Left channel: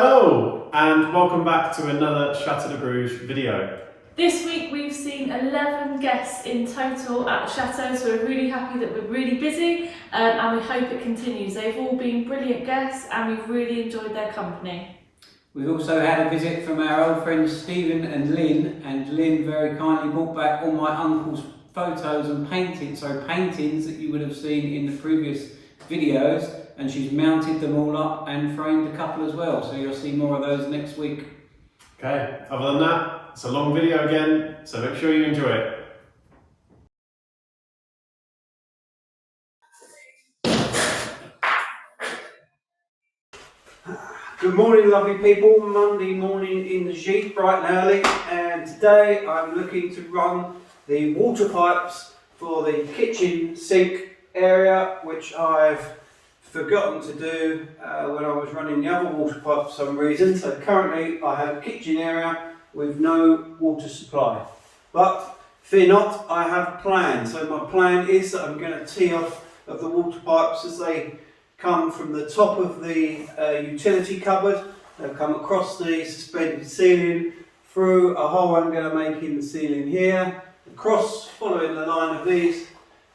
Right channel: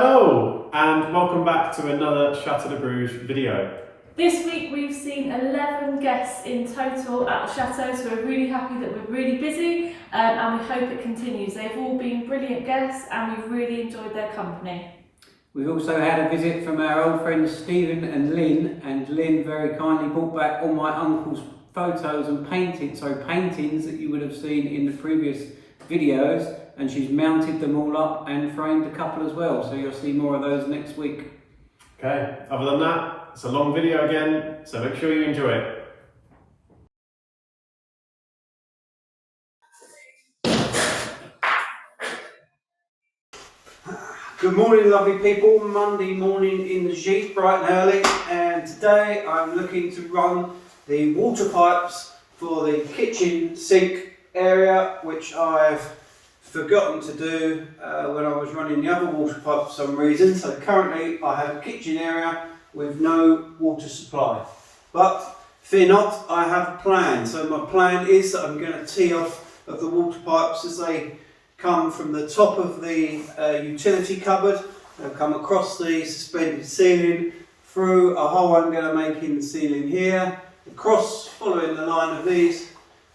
Hello and welcome back to another Chateau de Bruges video. This week we've seen 11 guests in total at the Chateau, so we're really happy that we're really busy and we hope it continues. They've all been brilliant guests and we've really enjoyed their company. We've also had a visit from our old friends Stephen and Lynn very kindly brought back all my uncle's photos and paintings that you would have seen in the previous videos, and she's mounted them all up and framed a couple as well, so you'll see more of those next week. Okay, other than that, it's a long video again, so make sure you enjoy it. Good morning lovely people, Monday morning in the Gite, bright and early, and today I'm looking to run the water pipes for the kitchen sink area, which I've forgotten to do when I was running the other water pipe for some reason. So currently I have a kitchen area with no water supply, but fear not, I have a plan. So my plan is that I'm going to tee off of the water pipes as they come from the top of the utility cupboard. They'll come across the suspended ceiling, through a hole I'm going to make in the ceiling here, across following the line of these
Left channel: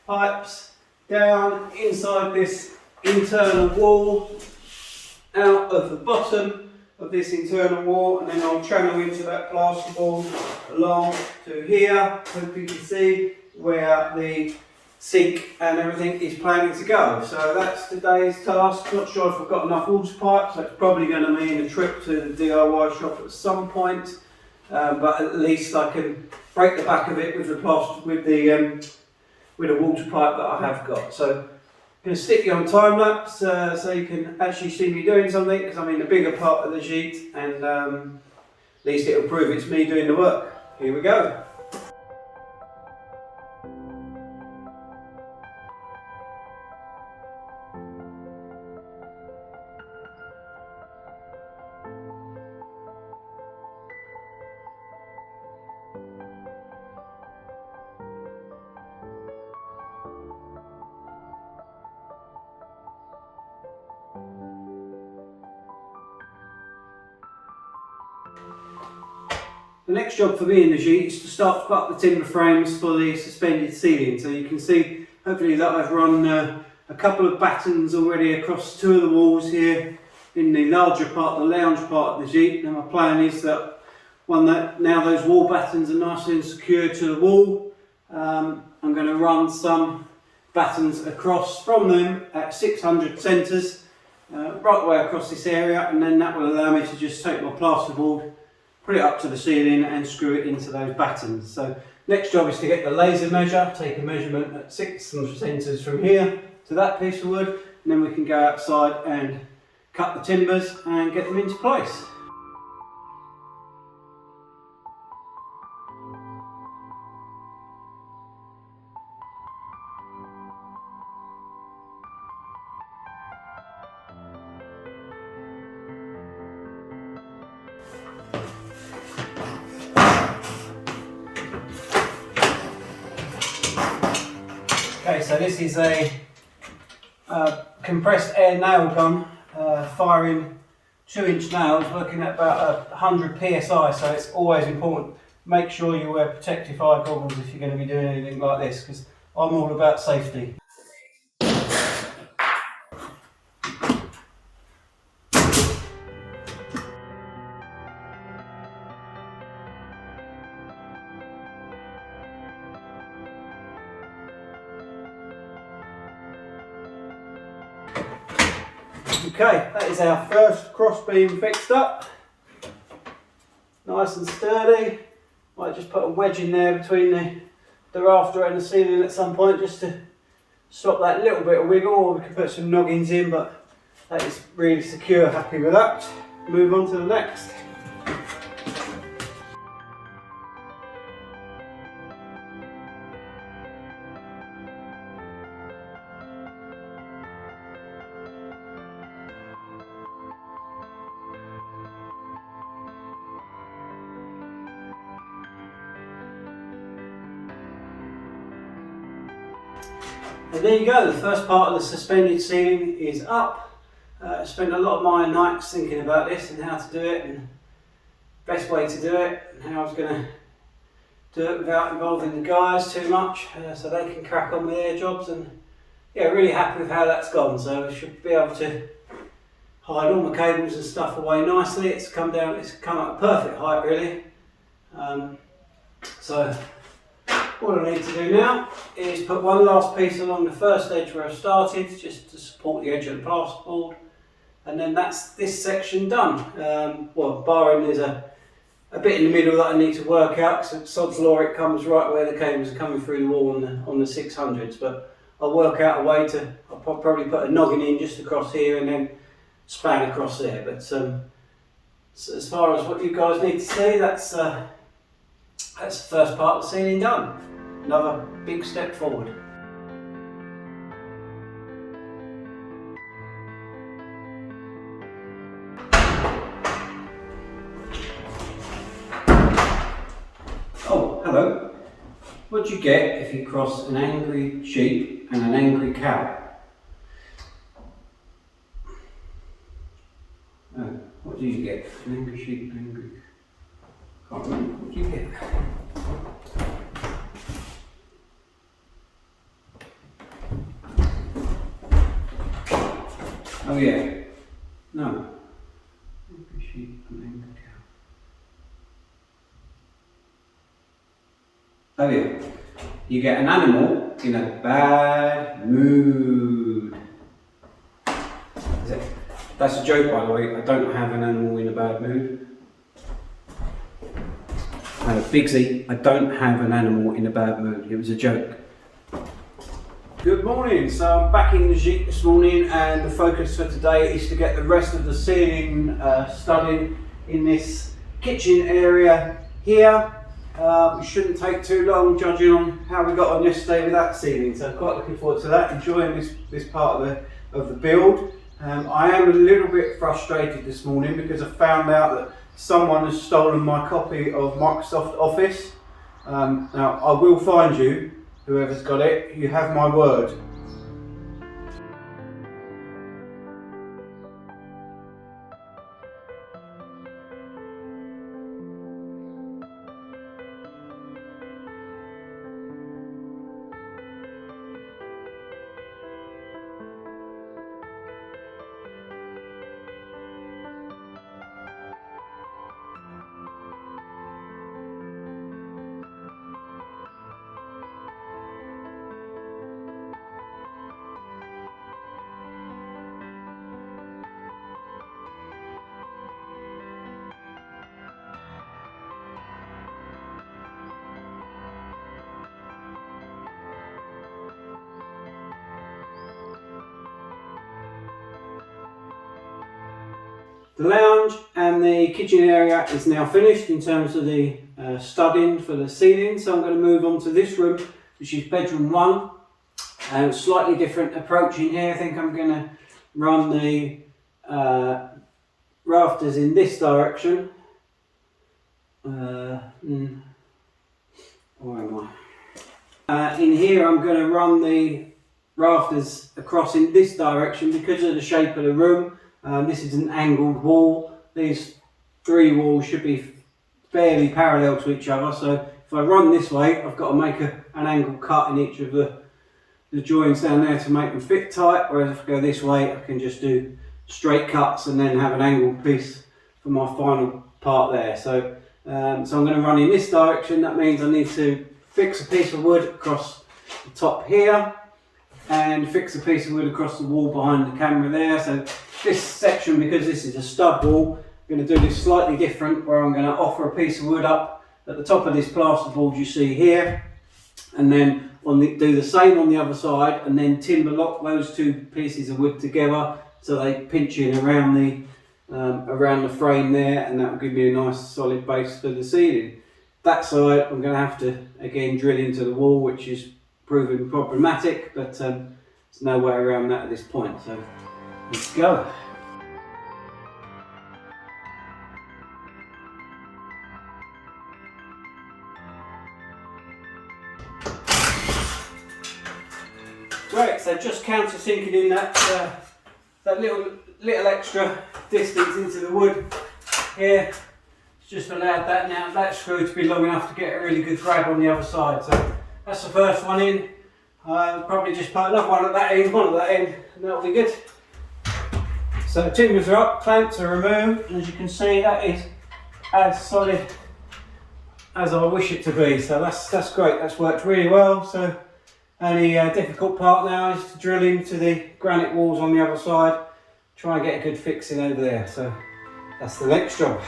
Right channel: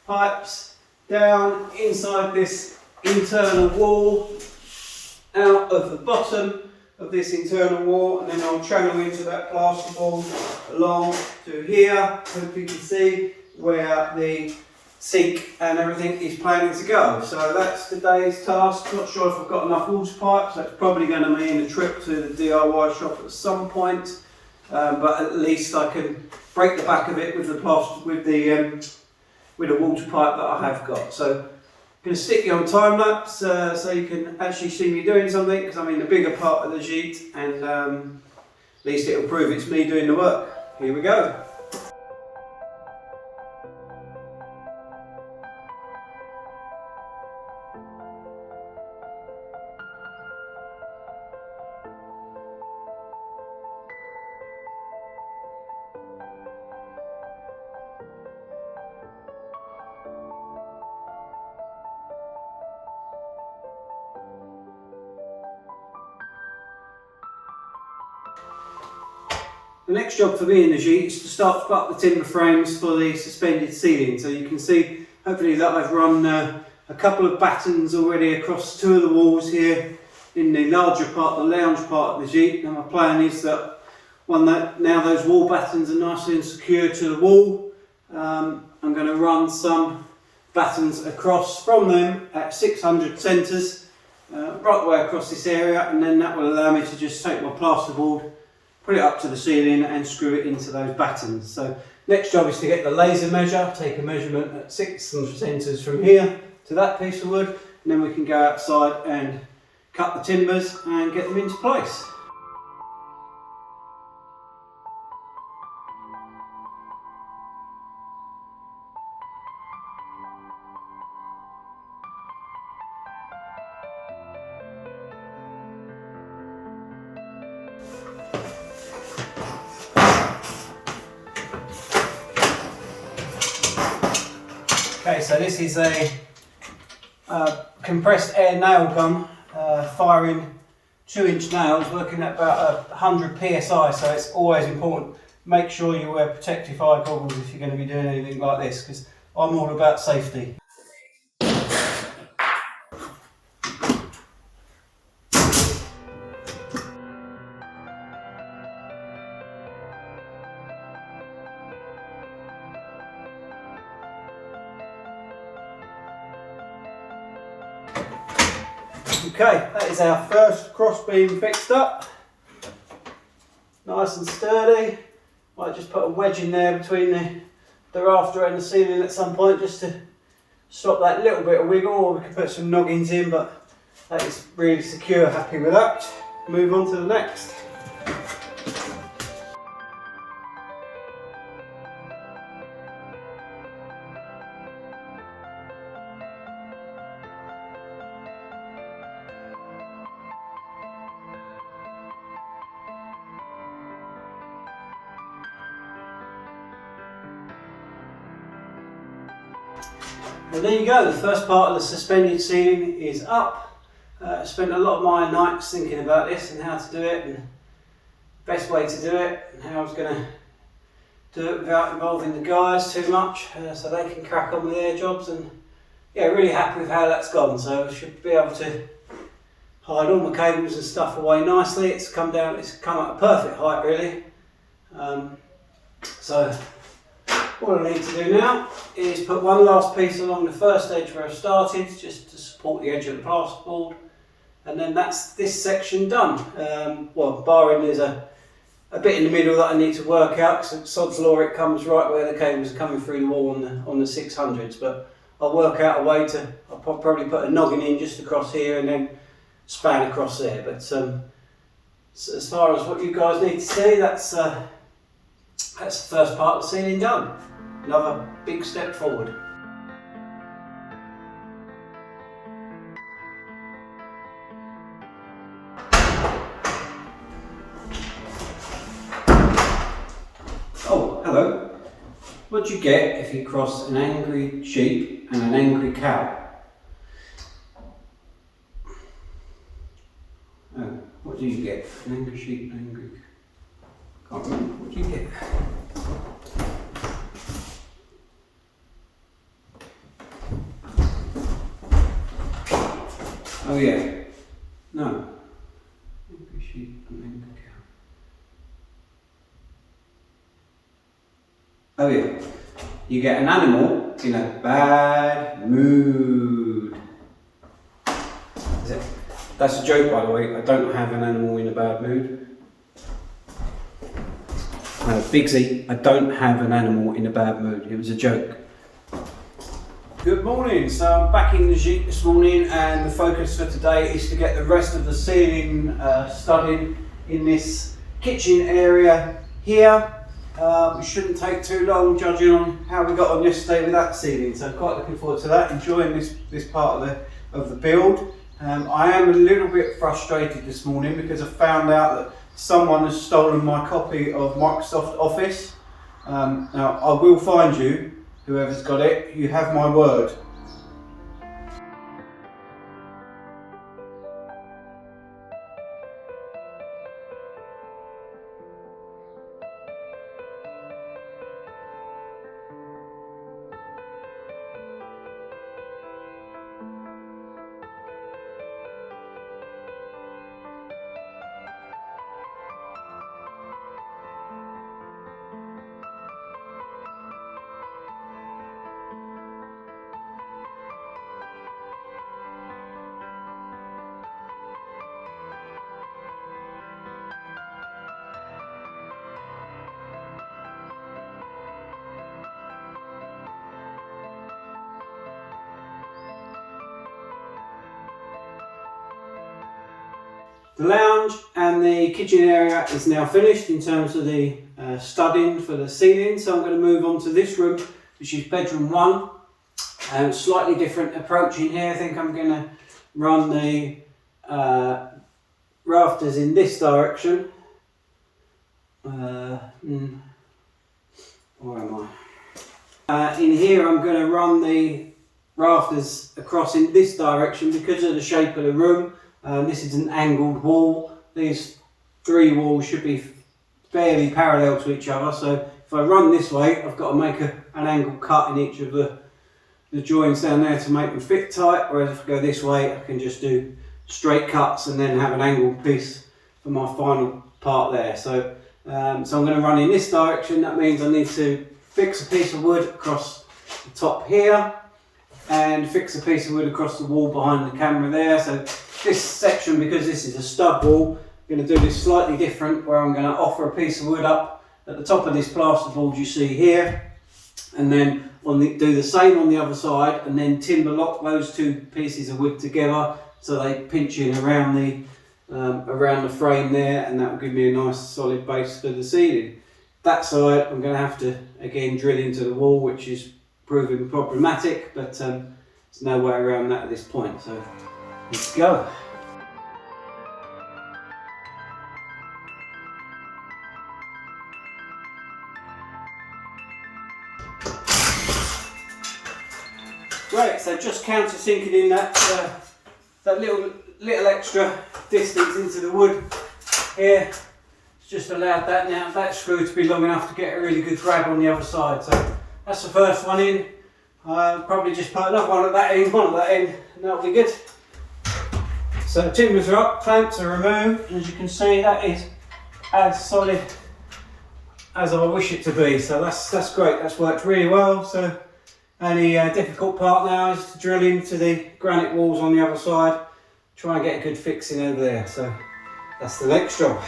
pipes, down inside this internal wall, out of the bottom of this internal wall, and then I'll channel into that plasterboard along to here. Hope you can see where the sink and everything is planning to go. So that's today's task. Not sure if I've got enough water pipes. That's probably going to mean a trip to the DIY shop at some point, but at least I can break the back of it with the water pipe that I have got. So I'm going to stick you on time lapse so you can actually see me doing something, because I'm in the bigger part of the Gite, and at least it'll prove it's me doing the work. Here we go. The next job for me in the Gite is to start to put up the timber frames for the suspended ceiling. So you can see, hopefully, that I've run a couple of battens already across two of the walls here in the larger part, the lounge part of the Gite. And my plan is that now those wall battens are nicely and secure to the wall, I'm going to run some battens across from them at 600 centres, right the way across this area, and then that will allow me to just take my plasterboard, put it up to the ceiling and screw it into those battens. So next job is to get the laser measure, take a measurement at 600 centres from here to that piece of wood, and then we can go outside and cut the timbers and get them into place. Okay, so this is a compressed air nail gun firing 2-inch nails, working at about 100 psi, so it's always important. Make sure you wear protective eye goggles if you're going to be doing anything like this, because I'm all about safety. Okay, that is our first cross beam fixed up. Nice and sturdy. Might just put a wedge in there between the rafter and the ceiling at some point, just to stop that little bit of wiggle, or we can put some noggins in, but that is really secure. Happy with that. Move on to the next. And there you go, the first part of the suspended ceiling is up. Spent a lot of my nights thinking about this and how to do it and best way to do it and how I was going to do it without involving the guys too much, so they can crack on with their jobs. And yeah, really happy with how that's gone. So I should be able to hide all my cables and stuff away nicely. It's come up a perfect height really. So what I need to do now is put one last piece along the first edge where I started, just to support the edge of the plasterboard, and then that's this section done. Well, barring there's a bit in the middle that I need to work out, so sod's law it comes right where the cables are coming through the wall on the 600s, but I'll work out a way to, I'll probably put a noggin in just across here and then span across there. But so as far as what you guys need to see, that's the first part of the ceiling done. Another big step forward. Oh, hello. What do you get if you cross an angry sheep and an angry cow? Oh, what do you get? An angry sheep and an angry cow. Can't remember. What do you get? Oh yeah, no. Angry sheep and angry cow. Oh yeah, you get an animal in a bad mood. Is it? That's a joke, by the way. I don't have an animal in a bad mood. No, Bigsy, I don't have an animal in a bad mood. It was a joke. Good morning, so I'm back in the Gite this morning, and the focus for today is to get the rest of the ceiling studded in this kitchen area here. We shouldn't take too long judging on how we got on yesterday with that ceiling, so I'm quite looking forward to that, enjoying this part of the build. I am a little bit frustrated this morning because I found out that someone has stolen my copy of Microsoft Office. Now I will find you. Whoever's got it, you have my word. The lounge and the kitchen area is now finished in terms of the studding for the ceiling, so I'm going to move on to this room, which is bedroom 1. Slightly different approach in here. I think I'm going to run the rafters in this direction. Where am I? In here I'm going to run the rafters across in this direction because of the shape of the room. This is an angled wall. These 3 walls should be fairly parallel to each other, so if I run this way I've got to make an angle cut in each of the joins down there to make them fit tight, whereas if I go this way I can just do straight cuts and then have an angled piece for my final part there. So I'm going to run in this direction. That means I need to fix a piece of wood across the top here and fix a piece of wood across the wall behind the camera there. So this section, because this is a stud wall, I'm going to do this slightly different, where I'm going to offer a piece of wood up at the top of this plasterboard you see here, and then do the same on the other side, and then timber lock those 2 pieces of wood together so they pinch in around the frame there, and that will give me a nice solid base for the ceiling. That side I'm going to have to again drill into the wall, which is proving problematic, but there's no way around that at this point, so let's go. Right, so just countersinking in that little extra distance into the wood here. It's just allowed that screw to be long enough to get a really good grab on the other side. So that's the first one in. Probably just put another one at that end, one at that end, and that'll be good. So timbers are up, clamps are removed, and as you can see, that is as solid as I wish it to be. So that's great, that's worked really well. So only difficult part now is to drill into the granite walls on the other side, try and get a good fixing over there. So that's the next job.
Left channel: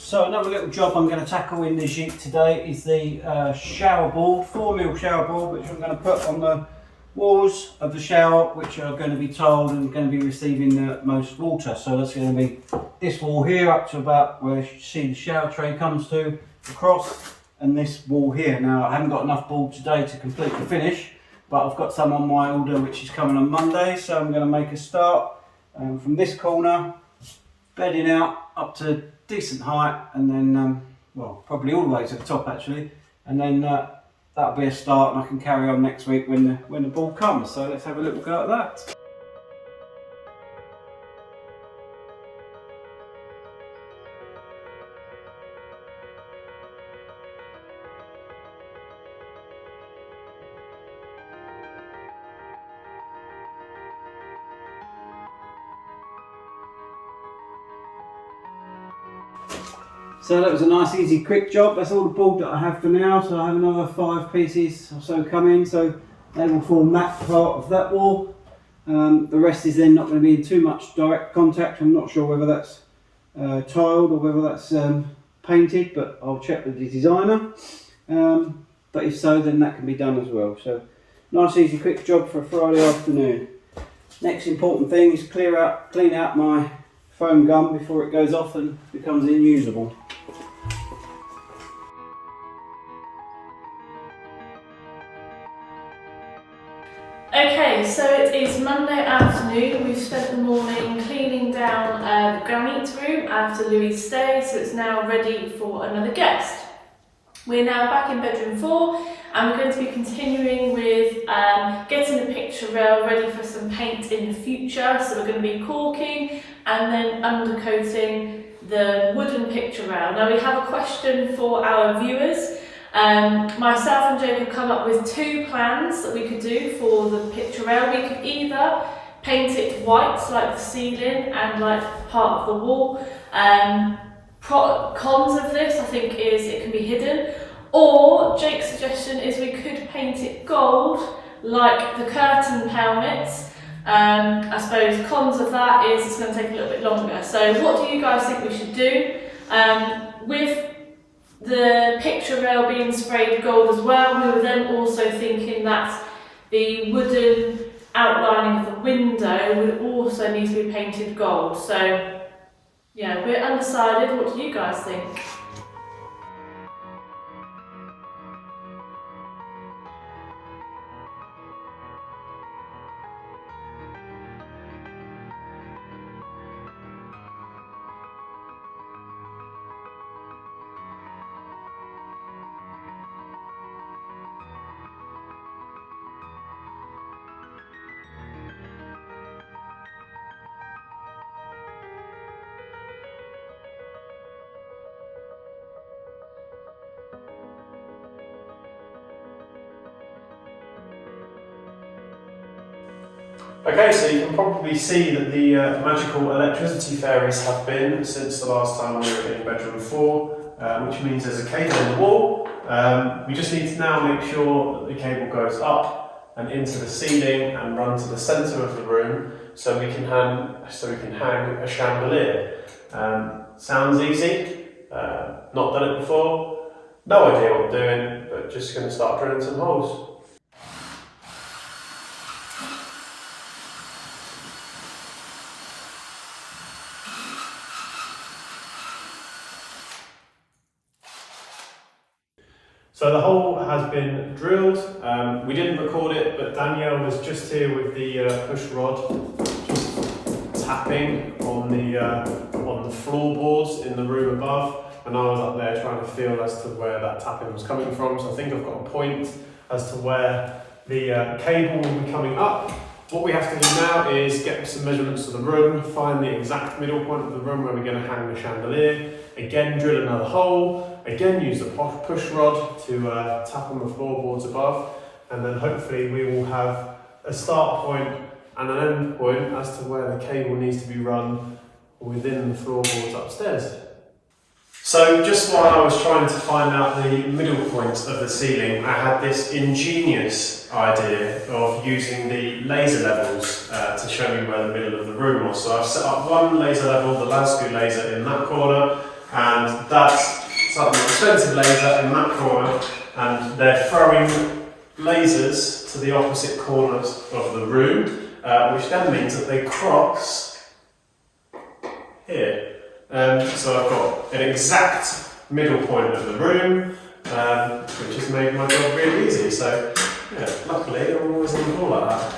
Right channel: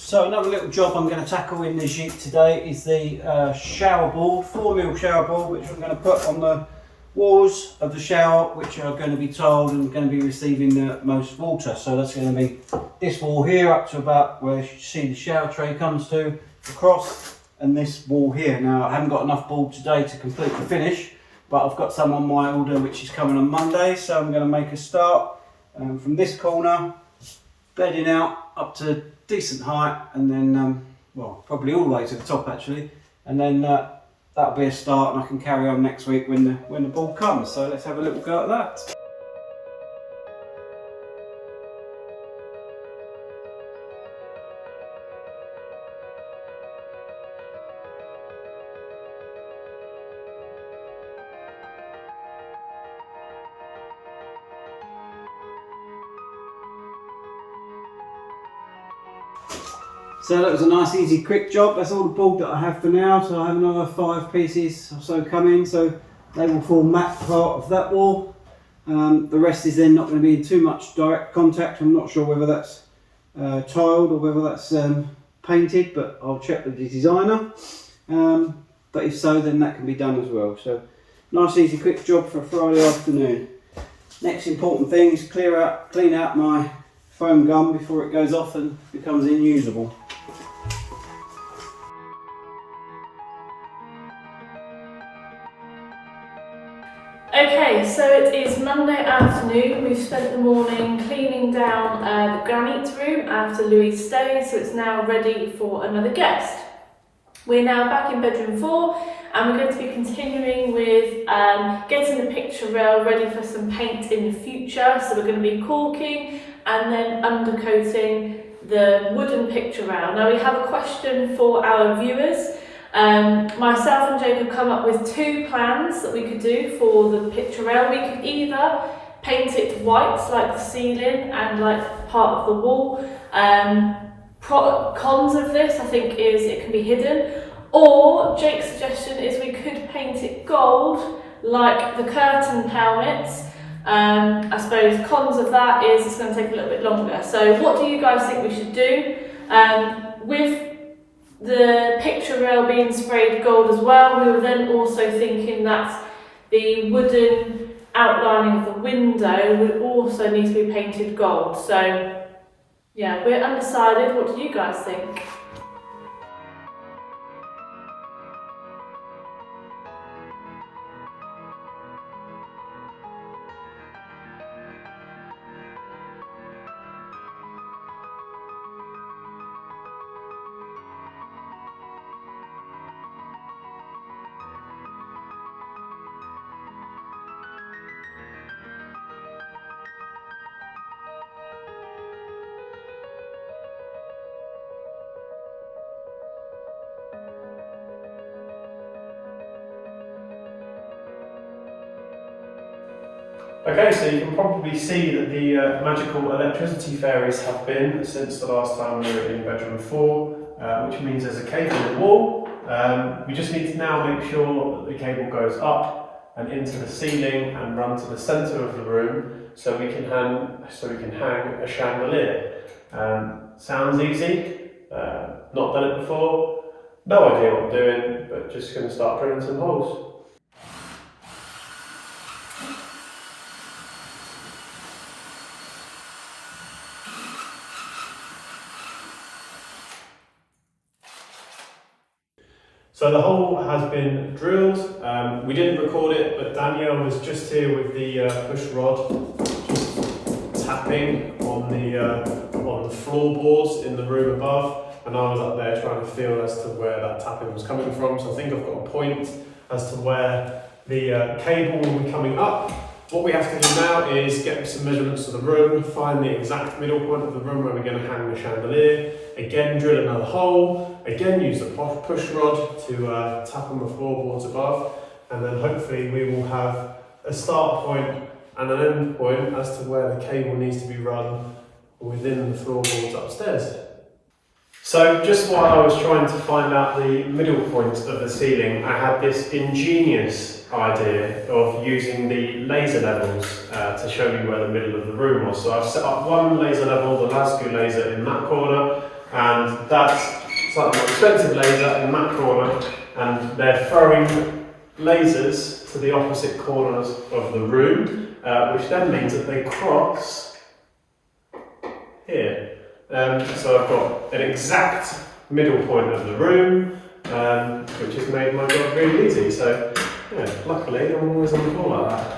So another little job I'm going to tackle in the Gite today is the shower board, 4mm shower board, which I'm going to put on the walls of the shower, which are going to be tiled and going to be receiving the most water. So that's going to be this wall here up to about where you see the shower tray comes to across, and this wall here. Now I haven't got enough board today to complete the finish, but I've got some on my order which is coming on Monday, so I'm going to make a start from this corner, bedding out up to decent height, and then well, probably all the way to the top actually, and then that'll be a start, and I can carry on next week when the ball comes. So let's have a little go at that. So that was a nice easy quick job. That's all the board that I have for now, so I have another 5 pieces or so coming, so they will form that part of that wall. The rest is then not going to be in too much direct contact. I'm not sure whether that's tiled or whether that's painted, but I'll check with the designer. But if so, then that can be done as well. So nice easy quick job for a Friday afternoon. Next important thing is clean out my foam gum before it goes off and becomes unusable. Okay, so it is Monday afternoon. We've spent the morning cleaning down the granite room after Louis' stay, so it's now ready for another guest. We're now back in bedroom 4, and we're going to be continuing with getting the picture rail ready for some paint in the future. So we're going to be caulking and then undercoating the wooden picture rail. Now we have a question for our viewers. Myself and Jake have come up with 2 plans that we could do for the picture rail. We could either paint it white like the ceiling and like part of the wall. Cons of this I think is it can be hidden, or Jake's suggestion is we could paint it gold like the curtain helmets. I suppose cons of that is it's going to take a little bit longer. So what do you guys think we should do? With the picture rail being sprayed gold as well, we were then also thinking that the wooden outlining of the window would also need to be painted gold. So yeah, we're undecided. What do you guys think? Okay, so you can probably see that the magical electricity fairies have been since the last time we were in bedroom 4, which means there's a cable on the wall. We just need to now make sure that the cable goes up and into the ceiling and run to the centre of the room so we can hang a chandelier. Sounds easy, not done it before, no idea what I'm doing, but just going to start drilling some holes. So the hole has been drilled. We didn't record it, but Danielle was just here with the push rod, just tapping on the floorboards in the room above, and I was up there trying to feel as to where that tapping was coming from. So I think I've got a point as to where the cable will be coming up. What we have to do now is get some measurements of the room, find the exact middle point of the room where we're going to hang the chandelier, again drill another hole, again use the push rod to tap on the floorboards above, and then hopefully we will have a start point and an end point as to where the cable needs to be run within the floorboards upstairs. So just while I was trying to find out the middle point of the ceiling, I had this ingenious idea of using the laser levels to show you where the middle of the room was. So I've set up one laser level, the Lasco laser, in that corner, and that's slightly more expensive laser in that corner, and they're throwing lasers to the opposite corners of the room, which then means that they cross here. So I've got an exact middle point of the room, which has made my job really easy. So yeah, luckily I'm always on the ball like that.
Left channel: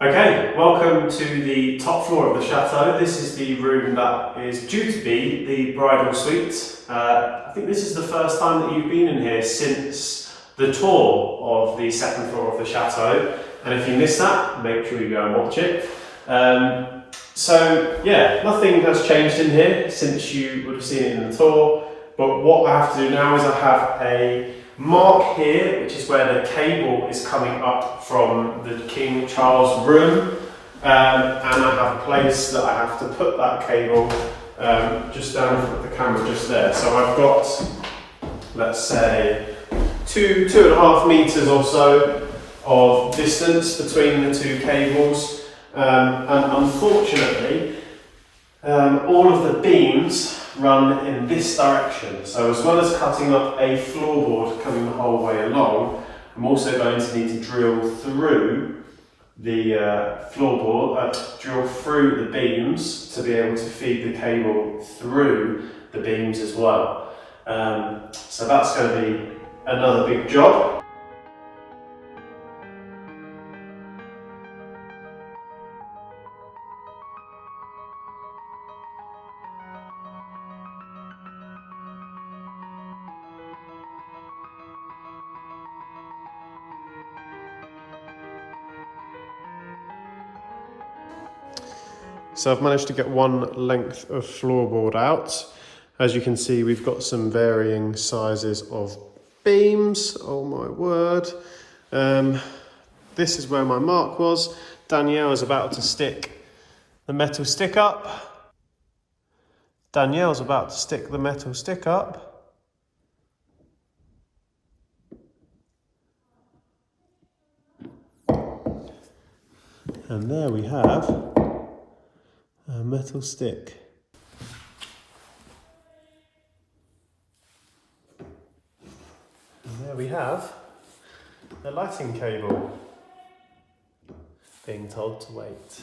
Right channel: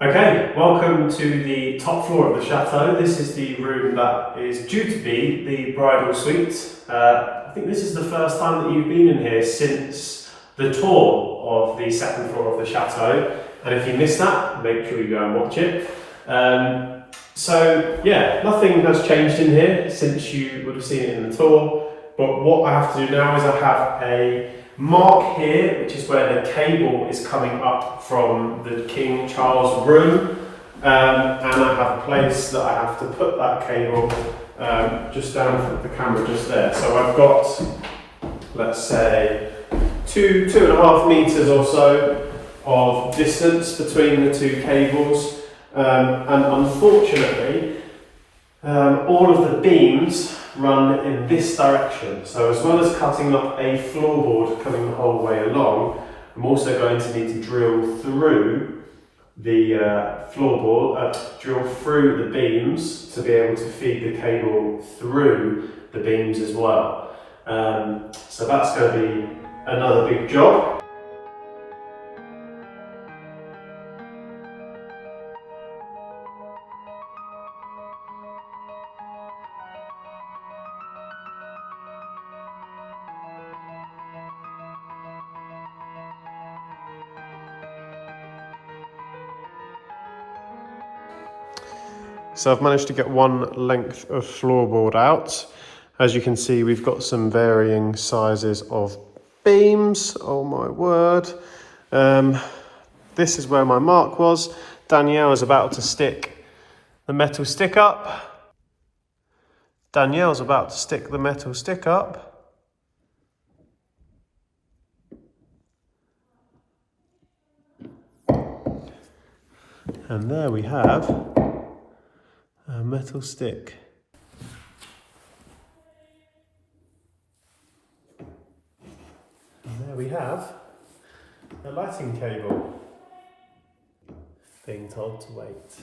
Okay, welcome to the top floor of the chateau. This is the room that is due to be the bridal suite. I think this is the first time that you've been in here since the tour of the second floor of the chateau. And if you missed that, make sure you go and watch it. So yeah, nothing has changed in here since you would have seen it in the tour. But what I have to do now is I have a mark here, which is where the cable is coming up from the King Charles room, and I have a place that I have to put that cable just down from the camera just there. So I've got, let's say, 2.5 meters or so of distance between the two cables, and unfortunately all of the beams run in this direction. So as well as cutting up a floorboard coming the whole way along, I'm also going to need to drill through the floorboard, drill through the beams to be able to feed the cable through the beams as well. So that's going to be another big job. So I've managed to get one length of floorboard out. As you can see, we've got some varying sizes of beams. Oh my word. This is where my mark was. Danielle is about to stick the metal stick up. Danielle's about to stick the metal stick up. And there we have a metal stick. And there we have a lighting cable being told to wait.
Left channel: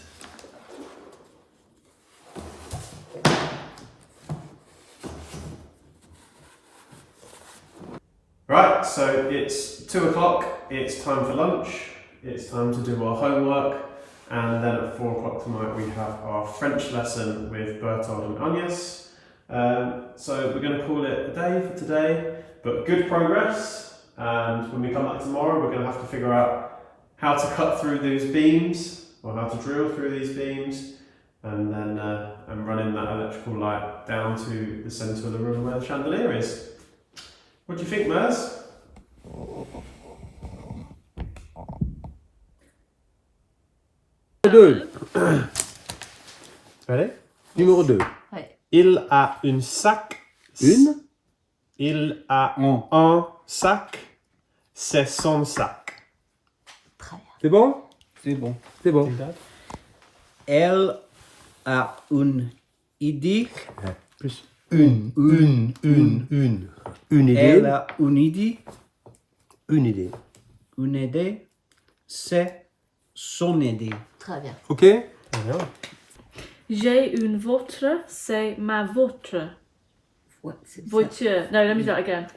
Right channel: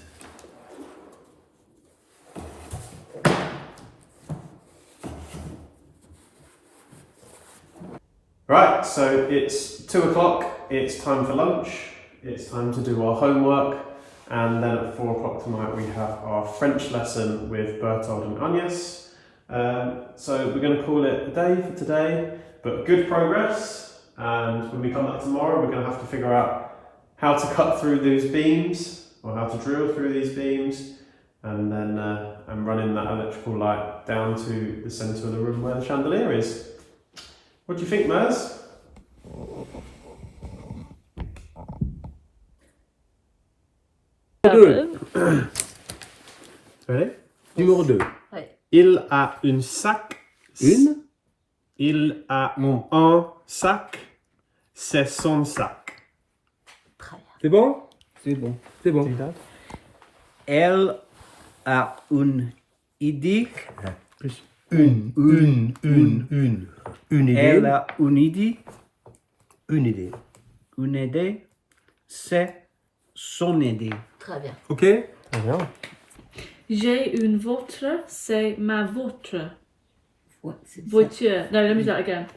Right, so it's 2 o'clock, it's time for lunch, it's time to do our homework. And then at 4 o'clock tonight we have our French lesson with Bertold and Agnes. So we're going to call it a day for today, but good progress. And when we come back tomorrow, we're going to have to figure out how to cut through these beams, or how to drill through these beams, and then and run in that electrical light down to the centre of the room where the chandelier is. What do you think, Maz? Ready? Numéro 2. Oui. Il a une sac. Une? Il a un sac. C'est son sac. C'est bon? C'est bon. C'est bon. Elle a une idée. Plus une idée. Elle a une idée. Une idée. Une idée. C'est son idée. Très bien. Ok? Très bien. J'ai une voiture, c'est ma voiture. Ouais, c'est ça. Voiture. No, let me do that again.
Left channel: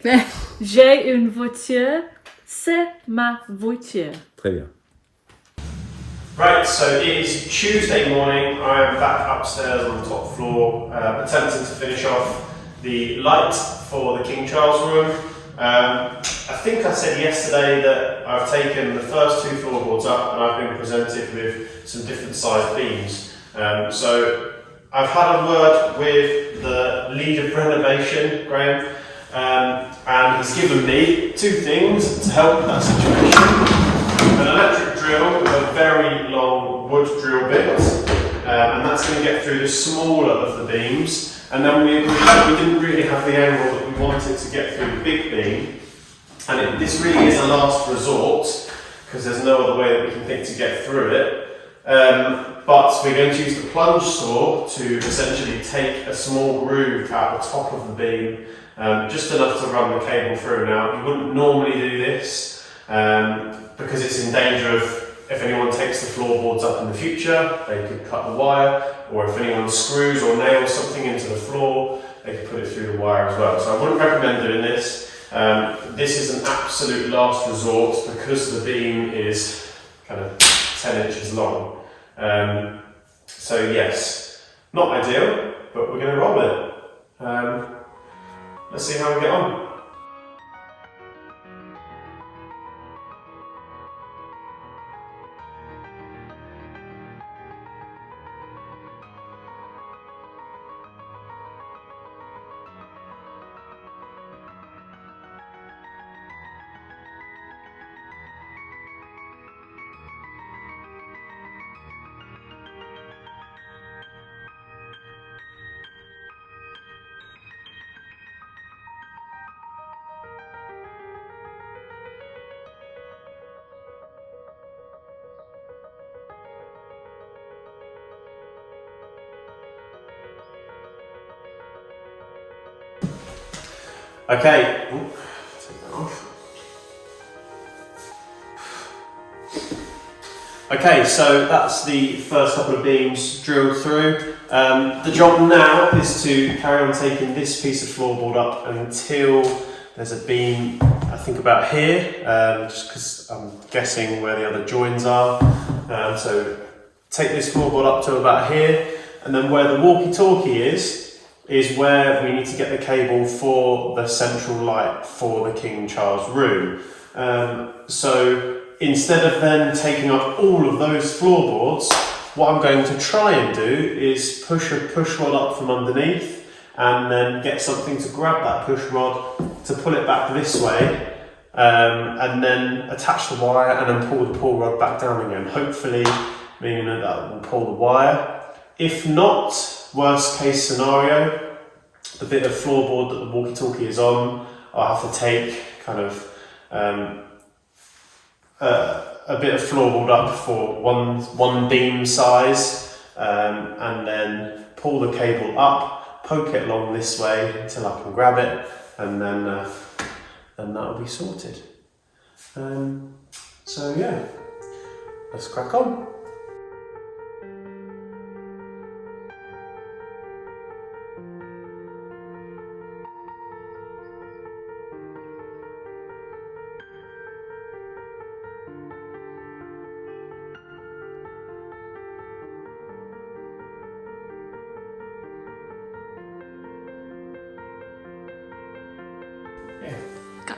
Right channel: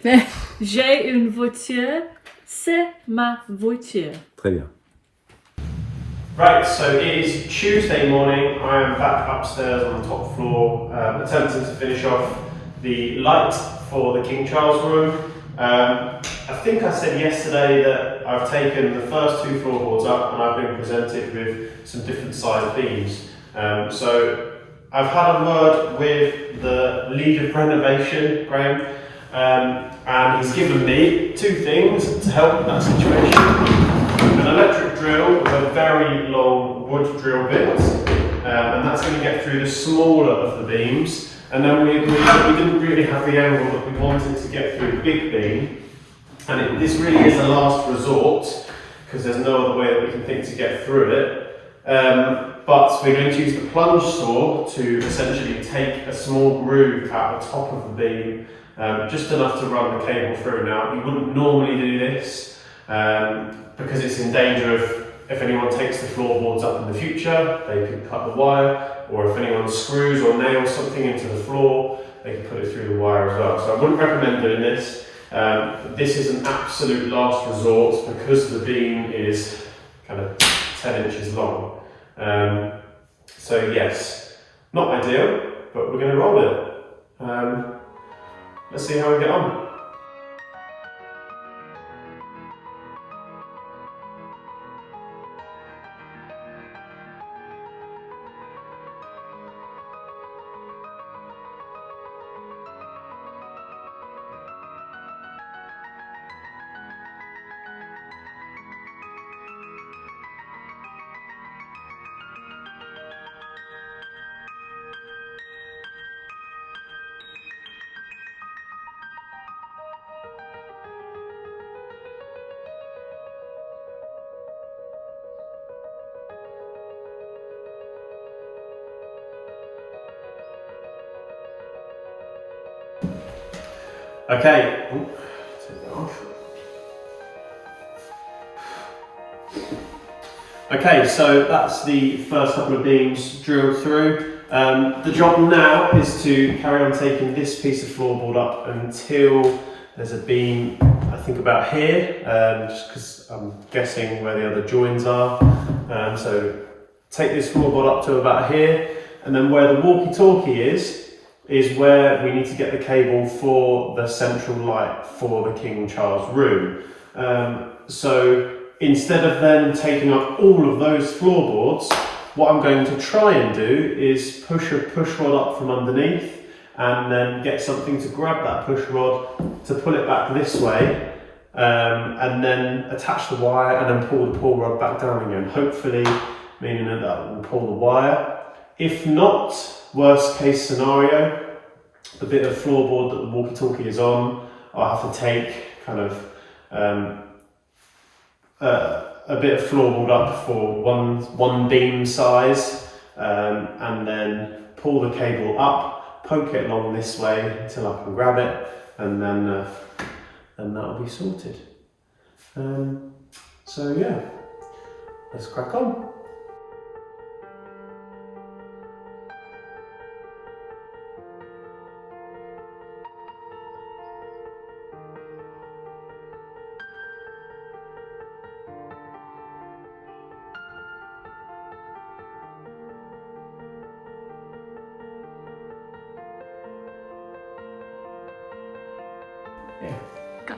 J'ai une voiture, c'est ma voiture. Très bien. Right, so it is Tuesday morning. I am back upstairs on the top floor, attempting to finish off the light for the King Charles room. I think I said yesterday that I've taken the first 2 floorboards up and I've been presented with some different size beams. So I've had a word with the lead of renovation, Graham, and he's given me 2 things to help that situation. An electric drill with a very long wood drill bit, and that's going to get through the smaller of the beams. And then we agreed that we didn't really have the angle that we wanted to get through the big beam, and this really is a last resort because there's no other way that we can think to get through it. But we're going to use the plunge saw to essentially take a small groove out the top of the beam, just enough to run the cable through. Now, you wouldn't normally do this because it's in danger of, if anyone takes the floorboards up in the future, they could cut the wire, or if anyone screws or nails something into the floor, they could put it through the wire as well. So I wouldn't recommend doing this. This is an absolute last resort because the beam is kind of 10 inches long. So yes, not ideal, but we're going to roll it. Let's see how we get on. Okay, take that off. Okay, so that's the first couple of beams drilled through. The job now is to carry on taking this piece of floorboard up until there's a beam, I think about here, just because I'm guessing where the other joins are. So take this floorboard up to about here, and then where the walkie-talkie is where we need to get the cable for the central light for the King Charles room. So instead of then taking up all of those floorboards, what I'm going to try and do is push a push rod up from underneath and then get something to grab that push rod to pull it back this way, and then attach the wire and then pull the pull rod back down again, hopefully meaning that will pull the wire. If not, worst case scenario, the bit of floorboard that the walkie-talkie is on, I'll have to take kind of a bit of floorboard up for one beam size, and then pull the cable up, poke it along this way until I can grab it, and then that'll be sorted. So yeah, let's crack on. Go.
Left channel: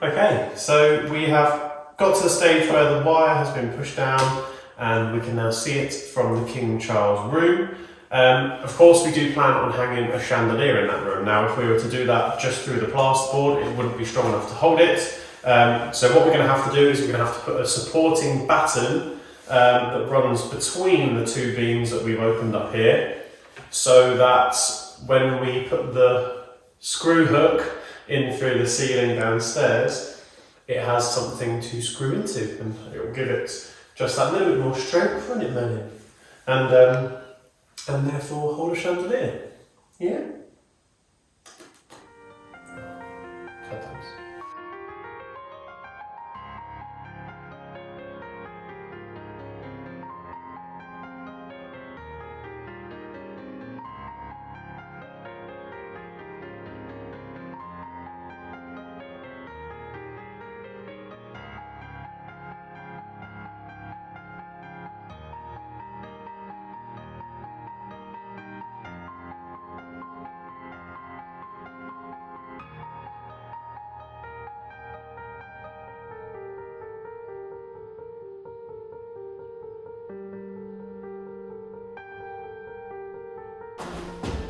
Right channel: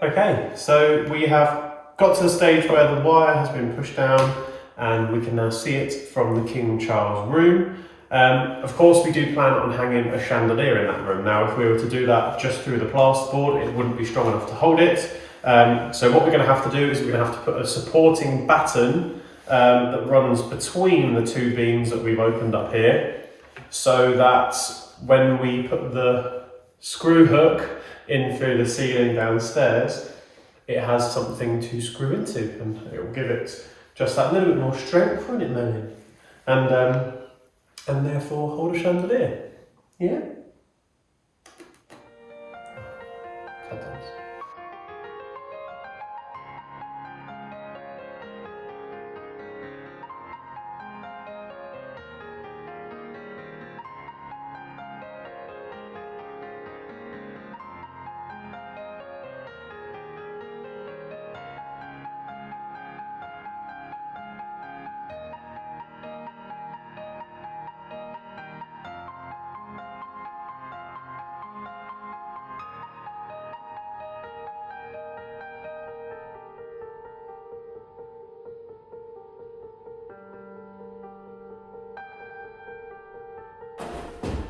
Okay, so we have got to the stage where the wire has been pushed down and we can now see it from the King Charles room. Of course, we do plan on hanging a chandelier in that room. Now, if we were to do that just through the plasterboard, it wouldn't be strong enough to hold it. So what we're going to have to do is we're going to have to put a supporting batten that runs between the 2 beams that we've opened up here, so that when we put the screw hook in through the ceiling downstairs, it has something to screw into and it will give it just that little bit more strength, won't it, Melanie? and therefore hold a chandelier. Yeah. Sometimes.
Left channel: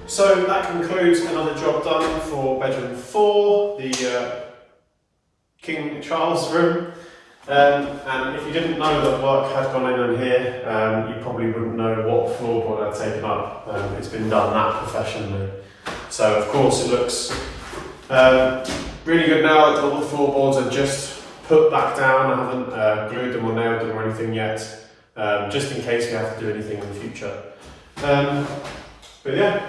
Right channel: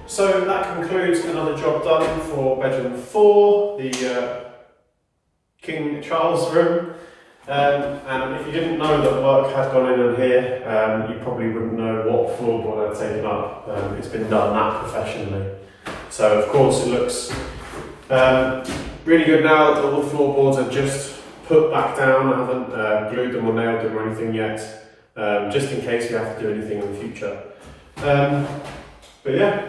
So that concludes another job done for bedroom 4, the King Charles room. And if you didn't know that work had gone in here, you probably wouldn't know what floorboard I'd taken up. It's been done that professionally. So of course it looks really good now that all the floorboards are just put back down. I haven't glued them or nailed them or anything yet, just in case we have to do anything in the future. But yeah,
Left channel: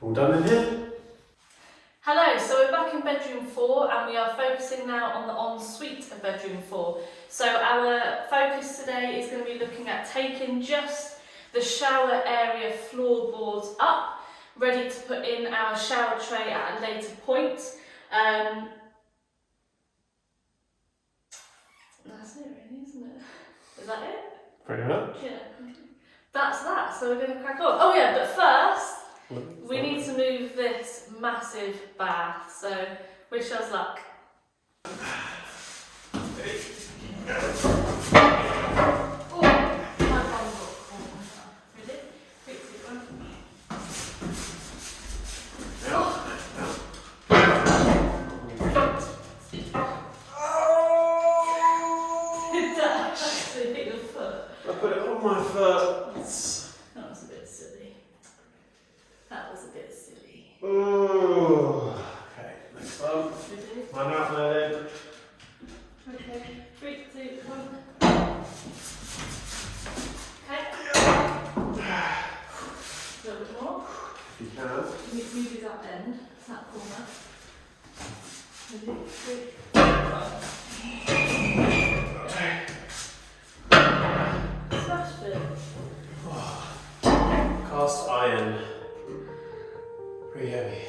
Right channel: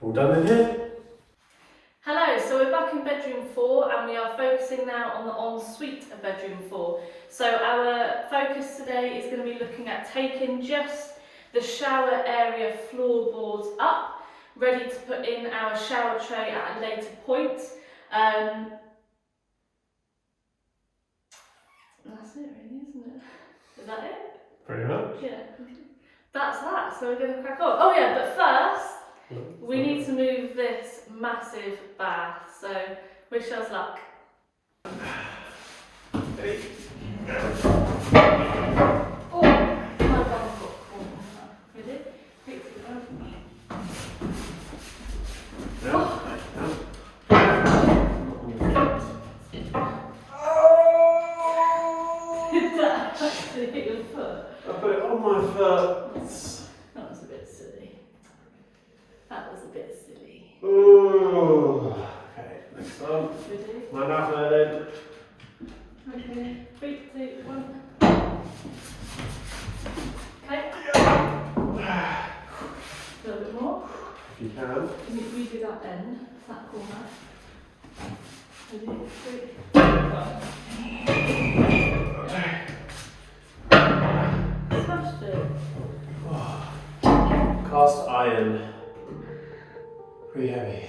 all done in here. Hello, so we're back in bedroom 4 and we are focusing now on the ensuite of bedroom 4. So our focus today is going to be looking at taking just the shower area floorboards up, ready to put in our shower tray at a later point. That's it really, isn't it? Is that it? Pretty much. Yeah. That's that, so we're going to crack on. Oh yeah, but first, we need to move this massive bath, so wish us luck. Oh, my bum's got corn. Ready? Quickly, Did that actually hit your foot? I put it on my foot. That was a bit silly. That was a bit silly. Ooh. Okay, next one. My mouth then. Okay, 3, 2, 1. Okay. A little bit more. If you can. You do that end, that corner. Ready? 3, 2, 1. Smashed it. Cast iron. Pretty heavy.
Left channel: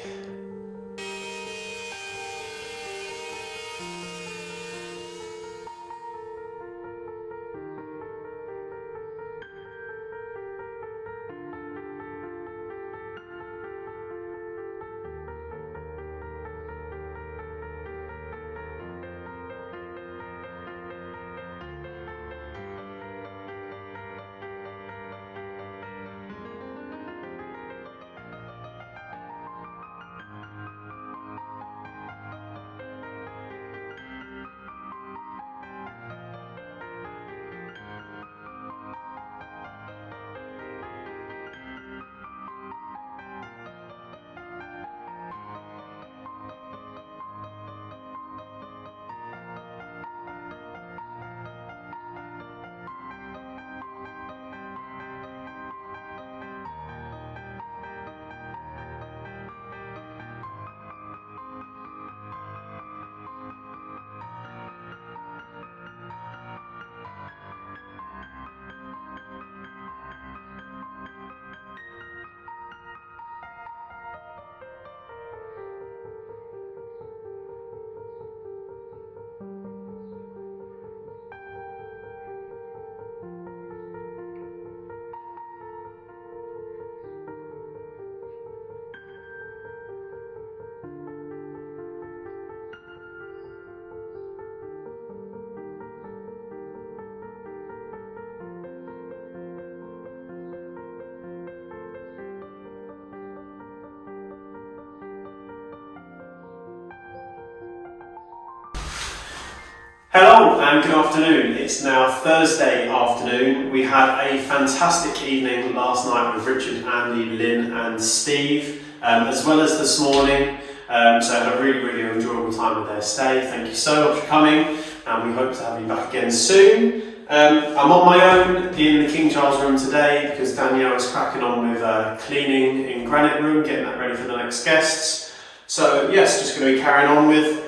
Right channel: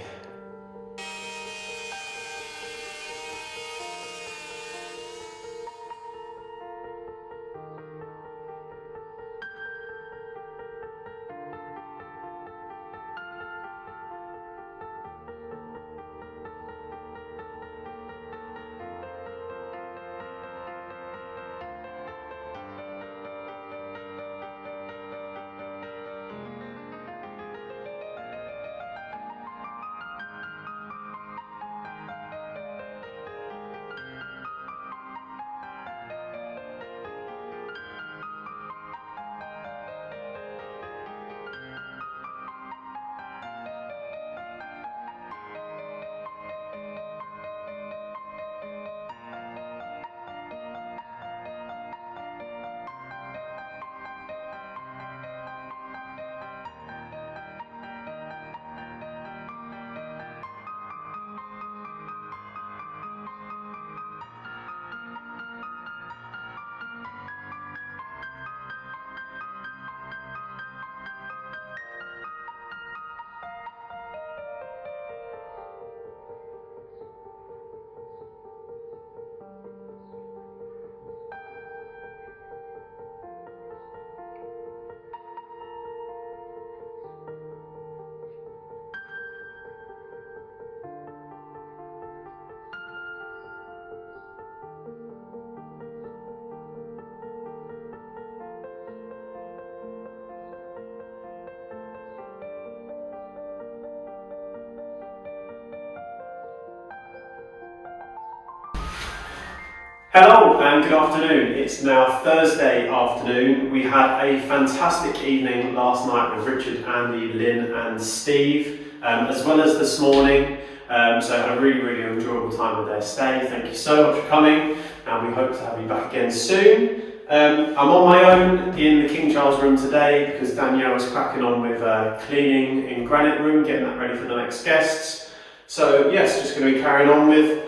Hello and good afternoon. It's now Thursday afternoon. We had a fantastic evening last night with Richard, Andy, Lynn and Steve, as well as this morning. So I had a really enjoyable time with their stay. Thank you so much for coming and we hope to have you back again soon. I'm on my own in the King Charles room today because Danielle is cracking on with cleaning in Granite room, getting that ready for the next guests. So yes, just going to be carrying on with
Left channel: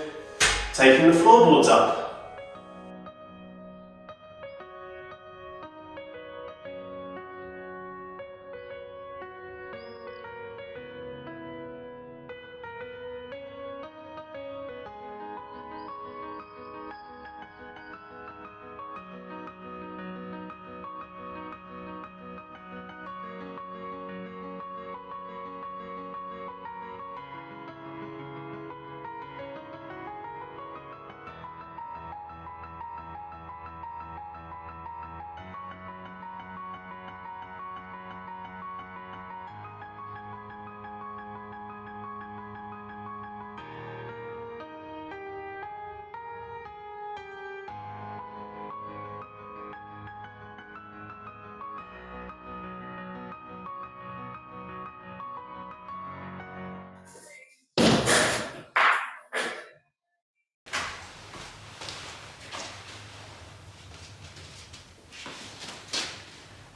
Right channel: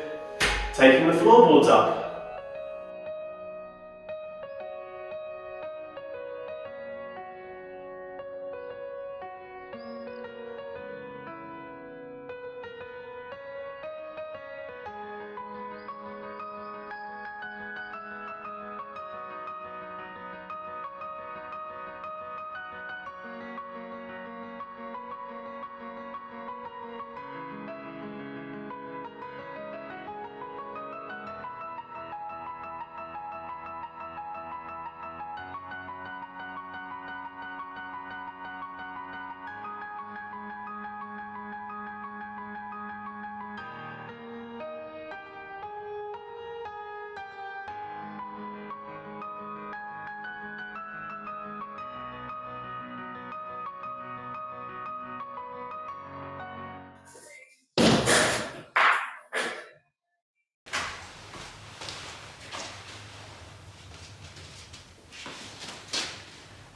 taking the floorboards up.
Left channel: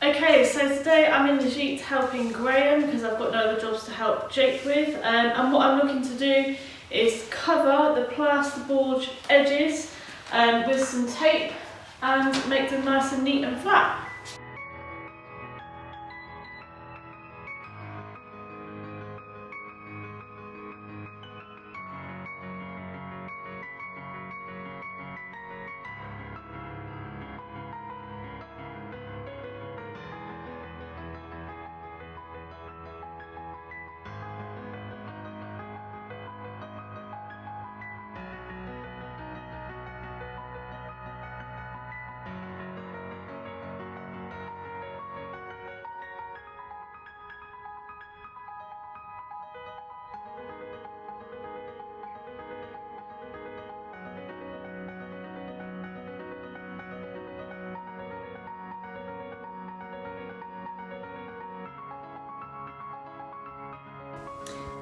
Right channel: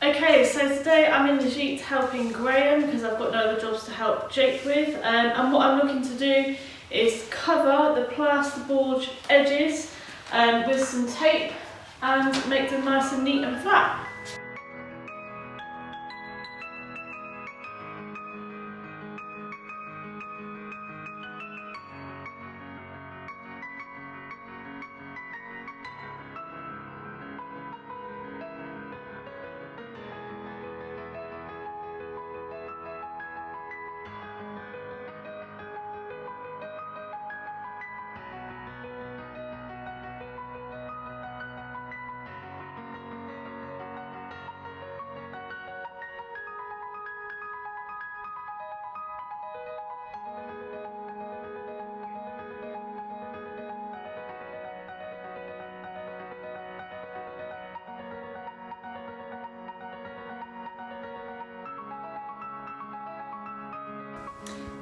Okay, so today I'm in the Gite helping Graham because I've got no other jobs to help Jake with, and what I'm looking to do is cover the plasterboard edges with some tape and make them nice and neat and flat.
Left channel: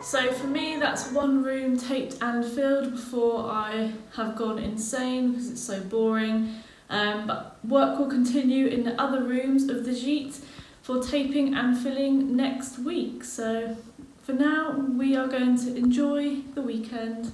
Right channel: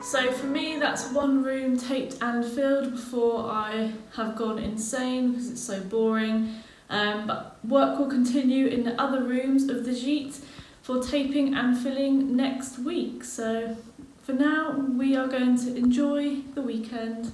So for me, that's one room taped and filled before I have gone insane because it's so boring. But work will continue in the other rooms of the Gite for taping and filling next week. So for now, we are going to enjoy the weekend.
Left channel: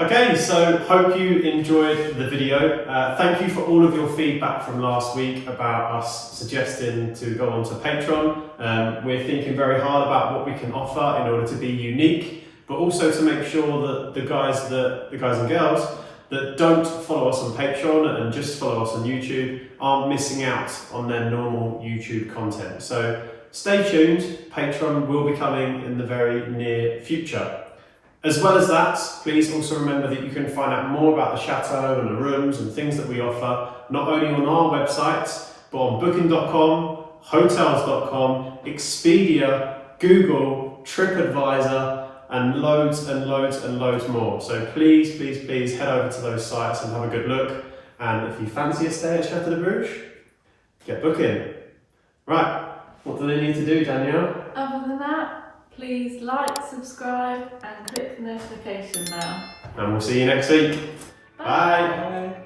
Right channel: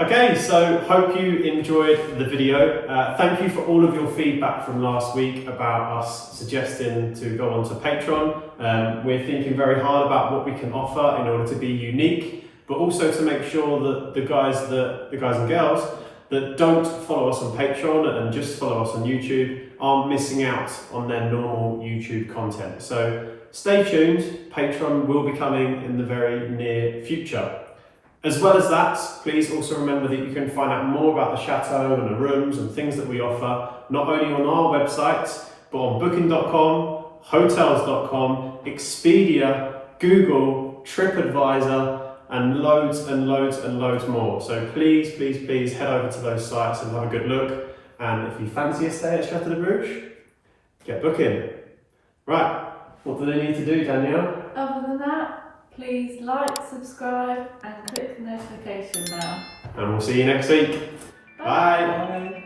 Okay, so hope you enjoyed the video. Thank you for all of your feedback from last week about us suggesting to go onto Patreon. We're thinking very hard about what we can offer in order to be unique, but also to make sure that the guys and girls that don't follow us on Patreon and just follow us on YouTube aren't missing out on their normal YouTube content. So stay tuned, Patreon will be coming in the very near future. As well as that, please also remember that you can find out more about the chateau and the rooms and things that we offer, not only on our website, but on booking.com, hotels.com, Expedia, Google, TripAdvisor, and loads and loads and loads more. So please, please, please head over to those sites and have a good look. And if you fancy a stay at Chateau de Bruges, get booking. Right, what do they need to do, Danielle? Other than that, please like, subscribe and click the notification bell. And we'll see you next week. Bye. Bye. Bye.